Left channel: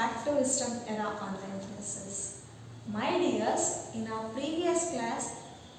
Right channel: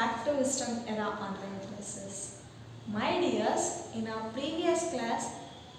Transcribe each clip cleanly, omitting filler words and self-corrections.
back to Wisdom Era online classes. My dears, in our previous class,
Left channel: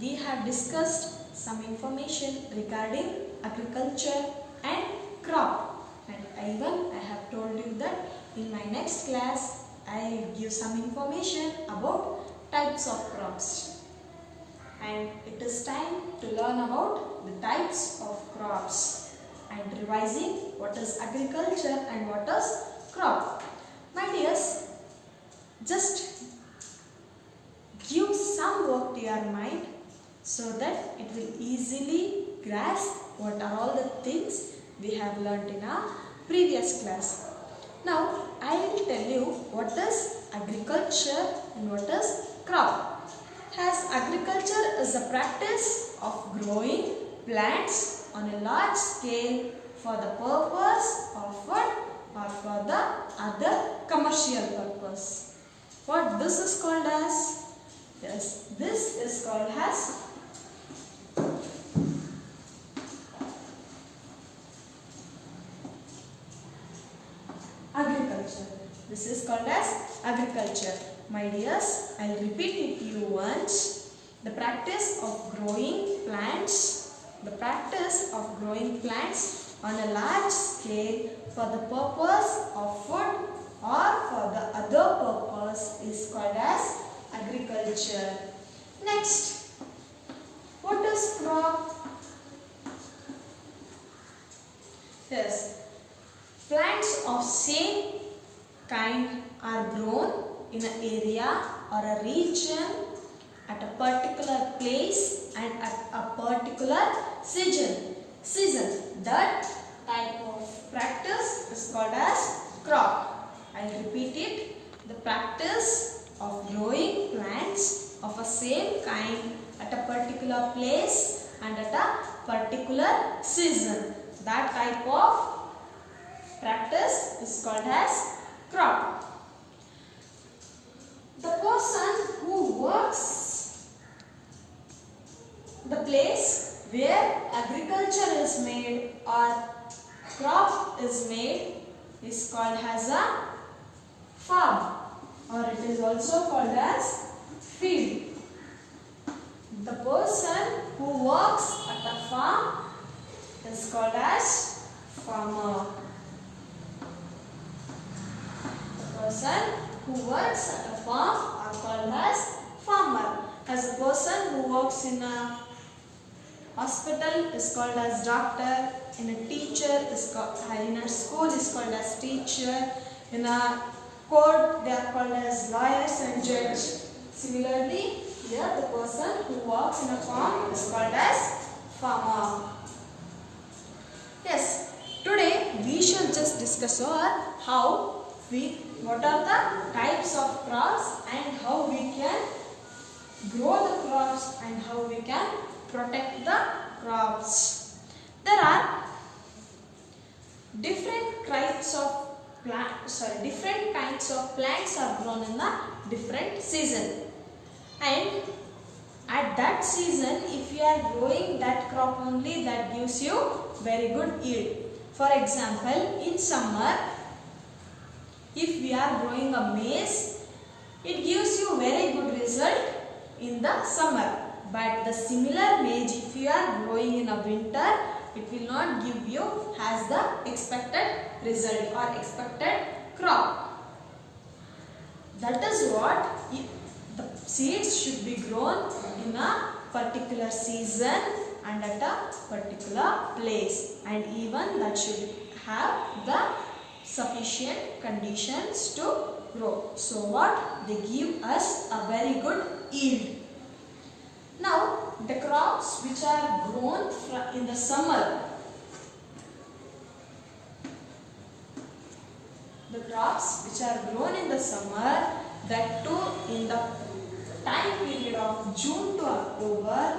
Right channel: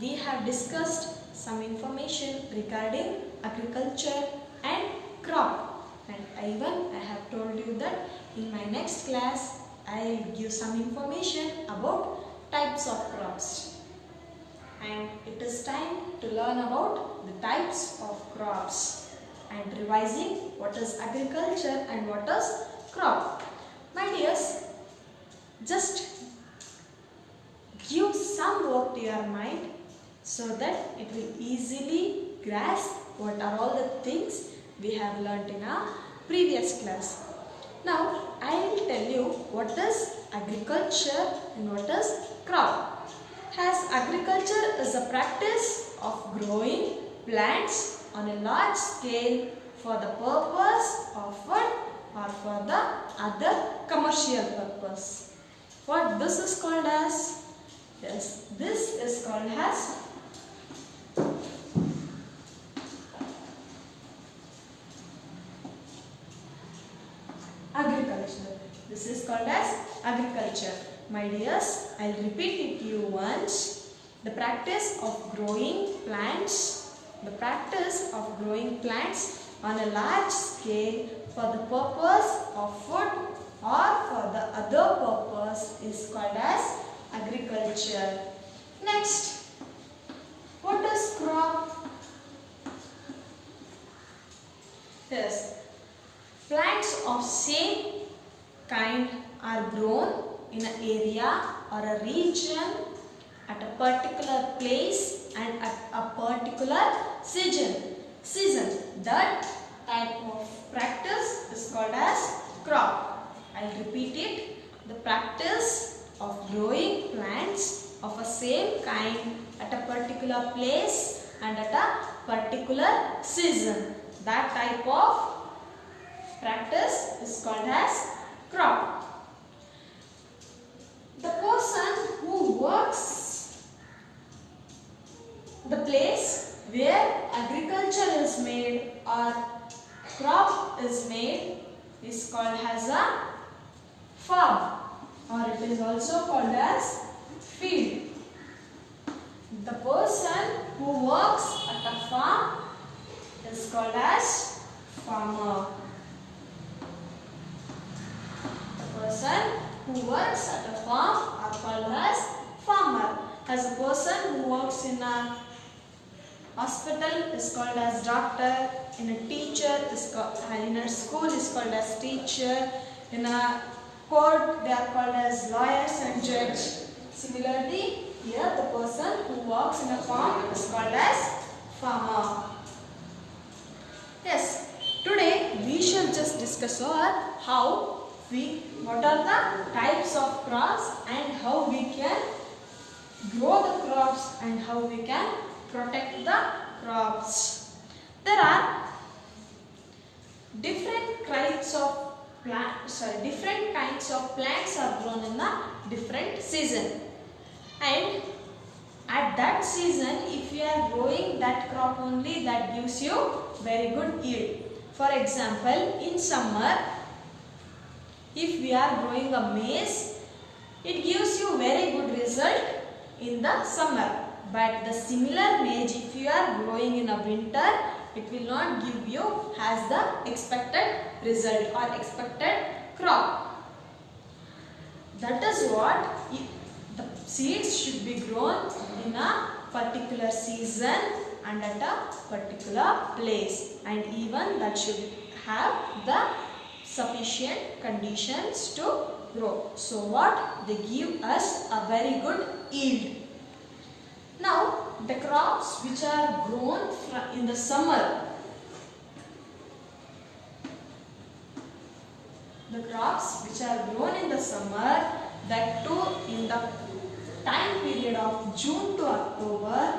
we have discussed some information regarding agriculture and crop. And even I have told you that in my next class, I will give some information about types of crops. And it is time to learn about the types of crops and revising what is agriculture and what is crop. My dears, just give some work to your mind so that it will easily grasp what are all the things we have learnt in our previous class. Now, I will tell you what is agriculture and what is crop. As agriculture is the practice of growing plants on a large scale for the purpose of food or for the other commercial purpose. What this is called as? Yes, this is called as agriculture. This is called as agriculture. My dears, I will repeat it to you once. The practice of growing plants, on a large scale for the purpose of food or for the other purpose is called as agriculture. Next, what is crop? Yes, plants of same kind are grown in an area or a region at a particular place and at a particular season. That type of practice is called as crop. I will repeat it. The practice of growing plants of a same kind at a particular place and at a particular season. That type of practice is called as crop. The person who works the place where agriculture is made or crop is made is called as a farm, or it is also called as field. The person who works at a farm is called as farmer. The person who works at a farm are called as farmer. As a person who works in a hospital is called as doctor. In a teacher is called, in a school is called as teacher. In a court they are called as lawyers and judge. Similarly, here the person who works in a farm is called as farmer. Yes, today we shall just discuss what are the types of crops and how we can grow the crops and how we can protect the crops. There are different kinds of plants are grown in a different season, and at that season if you are growing that crop only, that gives you very good yield. For example, in summer, if we are growing a maize, it gives you very good result in the summer. But the similar maize, if you are growing in a winter, it will not give you as the expected result or expected crop. That is what the seeds should be grown in a particular season and at a particular place, and even that should have the sufficient conditions to grow. So what? They give us a very good yield. Now, the crops which are grown in the summer, that too in the time period of June to October,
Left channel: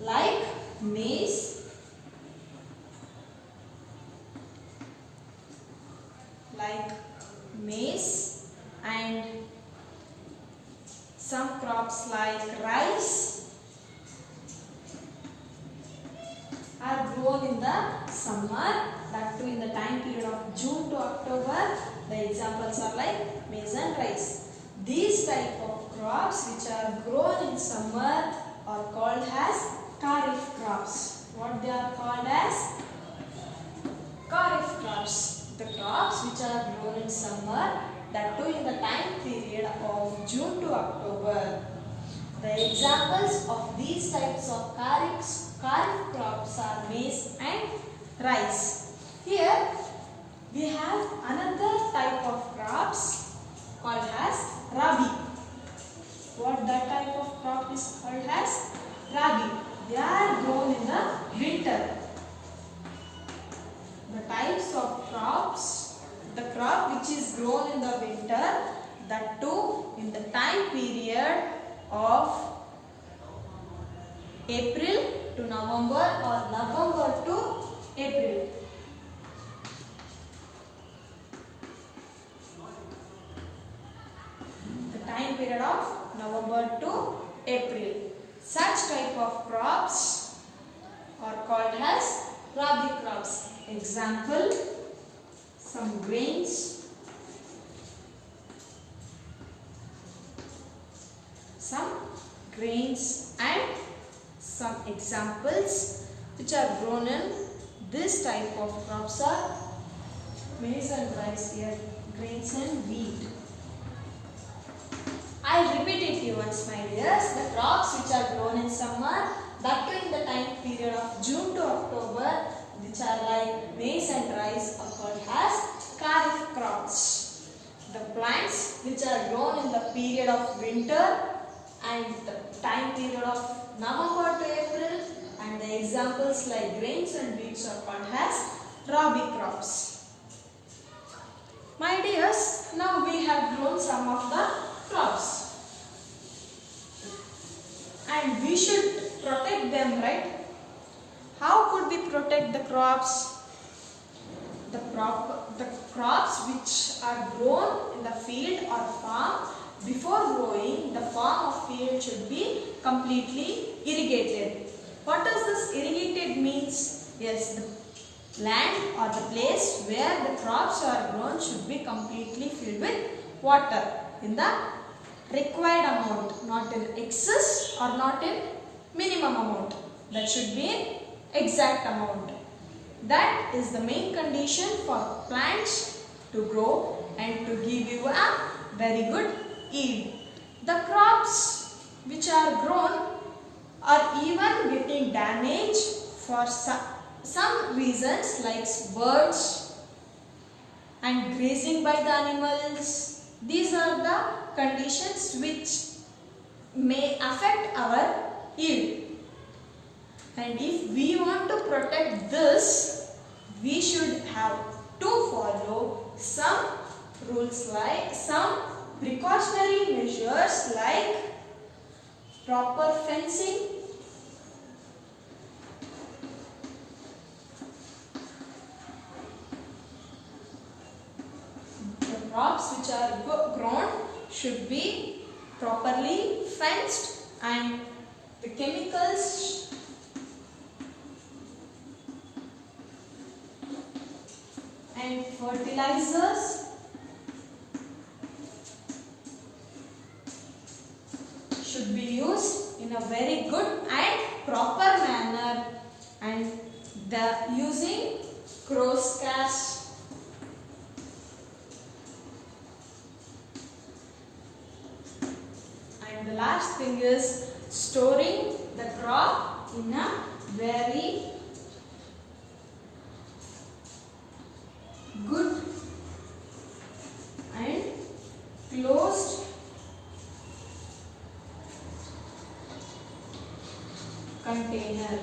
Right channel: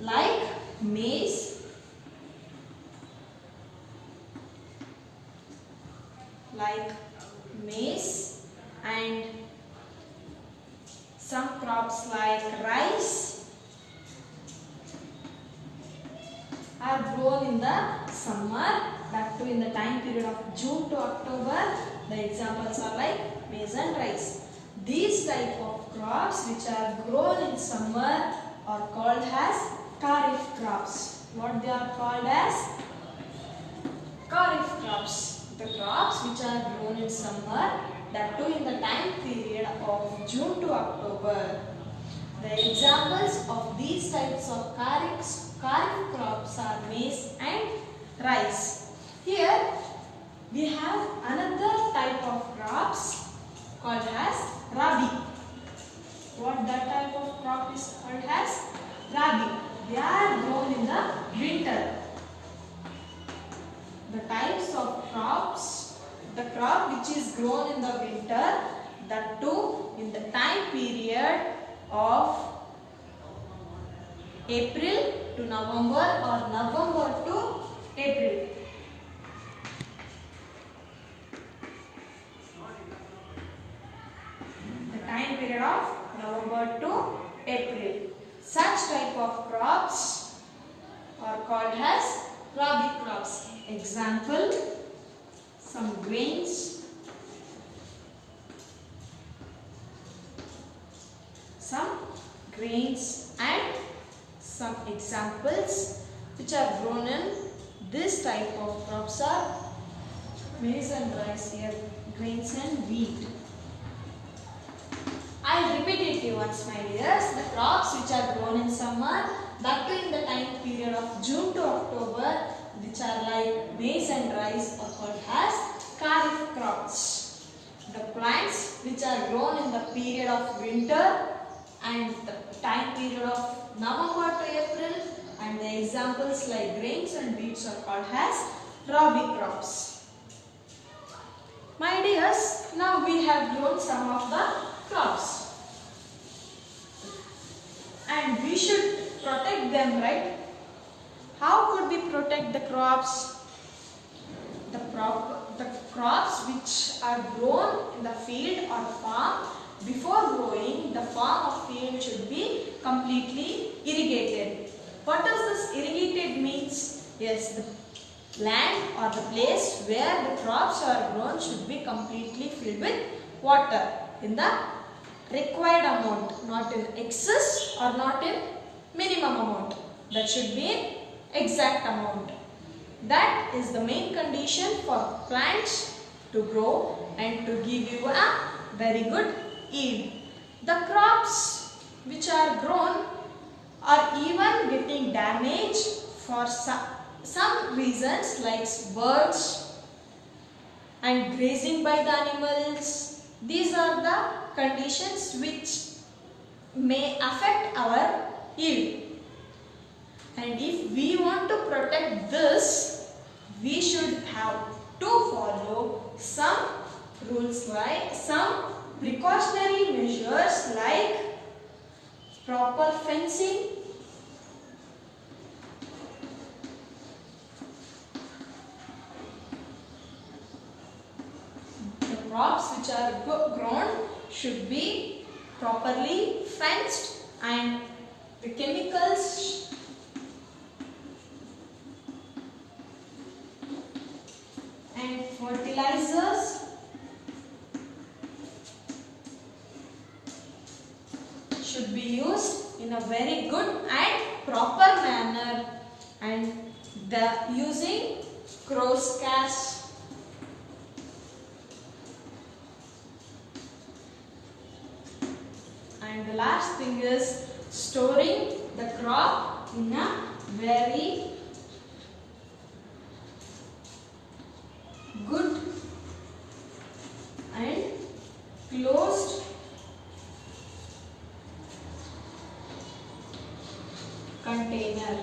like maize, and some crops like rice are grown in the summer, that too in the time period of June to October. The examples are like maize and rice. These type of crops which are grown in summer are called as kharif crops. What they are called as? Kharif crops. The crops which are grown in summer, that too in the time period of June to October. The examples of these types of kharif crops are maize and rice. Here we have another type of crops called as rabi. What that type of crop is called as? Rabi. They are grown in the winter. The types of crops, the crop which is grown in the winter, that too in the time period of April to November or November to April. The time period of November to April. Such type of crops are called as rabi crops. Example, some grains, and some examples which are grown in this type of crops are maize and rice, here grains and wheat. I'll repeat it to you once, my dears. The crops which are grown in summer, that too in the time period of June to October, which are like maize and rice, are called as kharif crops. The plants which are grown in the period of winter and the time period of November to April, and the examples like grains and wheats are called as rabi crops. My dears, now we have grown some of the crops and we should protect them, right? How could we protect the crops? The crops which are grown in the field or farm, before growing, the farm or field should be completely irrigated. What does this irrigated means? Yes, the land or the place where the crops are grown should be completely filled with water in the required amount, not in excess or not in minimum amount. That should be exact amount. That is the main condition for plants to grow and to give you a very good yield. The crops which are grown are even getting damaged for some reasons like birds and grazing by the animals. These are the conditions which may affect our yield. And if we want to protect this, we should have to follow some rules, like some precautionary measures like proper fencing, the crops which are grown should be properly fenced, and the chemicals and fertilizers should be used in a very good and proper manner, and the using crow's cast, and the last thing is storing the crop in a very good and closed container.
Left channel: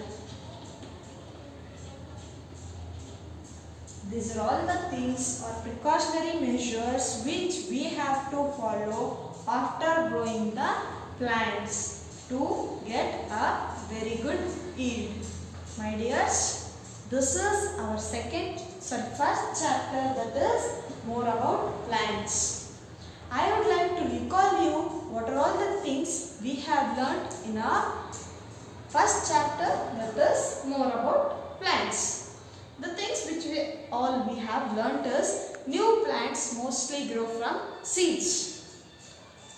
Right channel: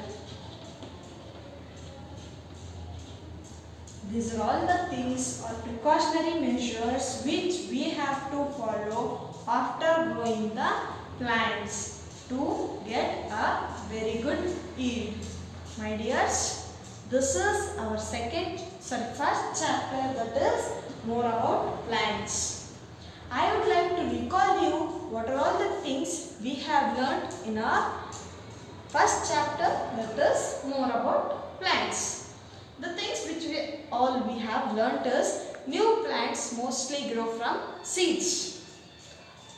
These are all the things or precautionary measures which we have to follow after growing the plants to get a very good yield. My dears, this is our first chapter, that is more about plants. I would like to recall you what are all the things we have learnt in our first chapter, that is more about plants. The things which we have learnt is new plants mostly grow from seeds.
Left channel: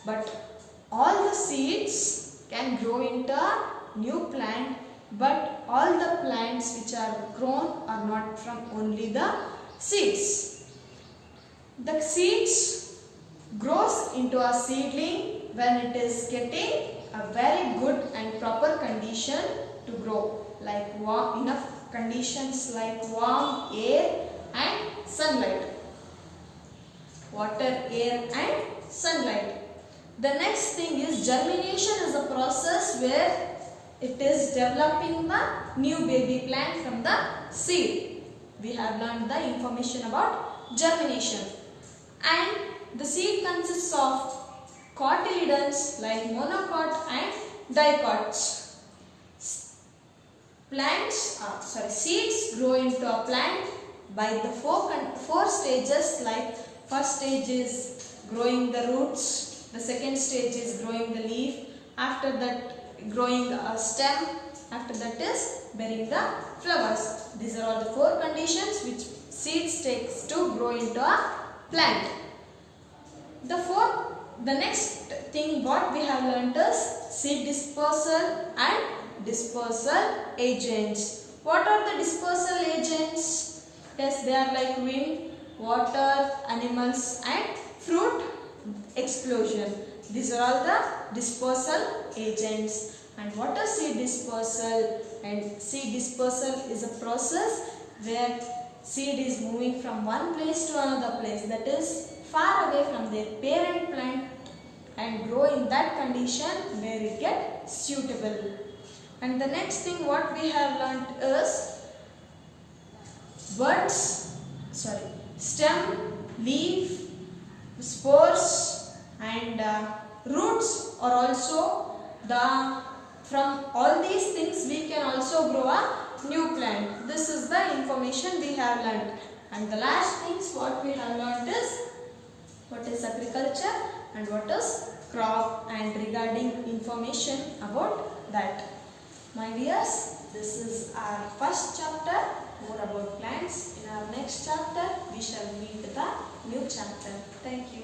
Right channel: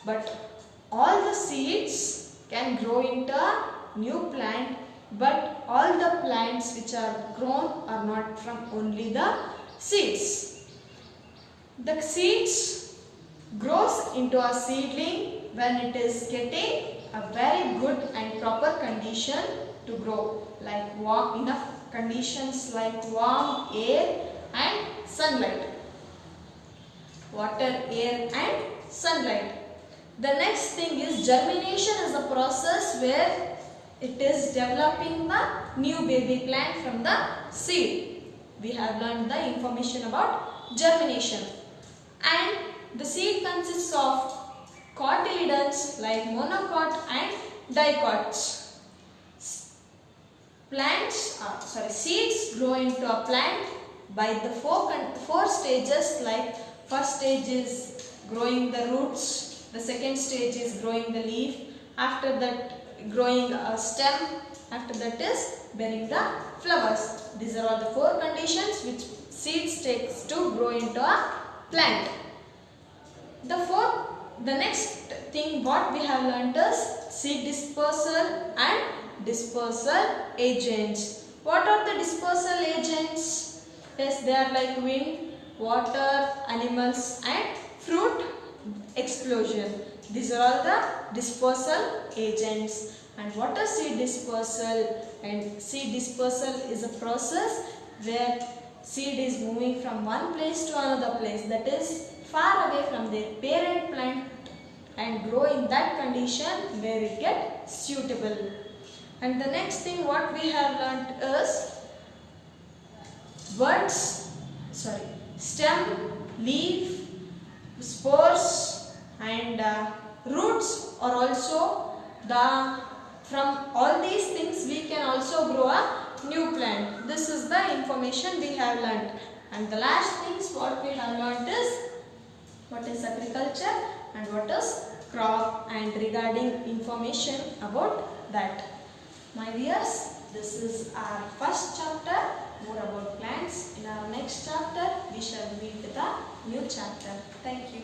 But all the seeds can grow into a new plant, but all the plants which are grown are not from only the seeds. The seeds grows into a seedling when it is getting a very good and proper condition to grow, like enough conditions like warm air and sunlight. Water, air and sunlight. The next thing is germination is a process where it is developing the new baby plant from the seed. We have learned the information about germination. And the seed consists of cotyledons like monocot and dicots. Seeds grow into a plant by the four stages, like first stage is growing the roots, the second stage is growing the leaf, after that growing a stem, after that is bearing the flowers. These are all the four conditions which seeds takes to grow into a plant. The next thing what we have learnt is seed dispersal and dispersal agents. What are the dispersal agents? Yes, they are like wind, water, animals and fruit explosion. These are all the dispersal agents. And what is seed dispersal? And seed dispersal is a process where seed is moving from one place to another place, that is far away from their parent plant, and grow in that condition where it gets suitable. And the next thing what we have learnt is stem, leaf, spores and roots are also from all these things we can also grow a new plant. This is the information we have learnt. And the last things what we have learnt is what is agriculture and what is crop, and regarding information about that. My dears, this is our first chapter, more about plants. In our next chapter, we shall meet with a new chapter. Thank you.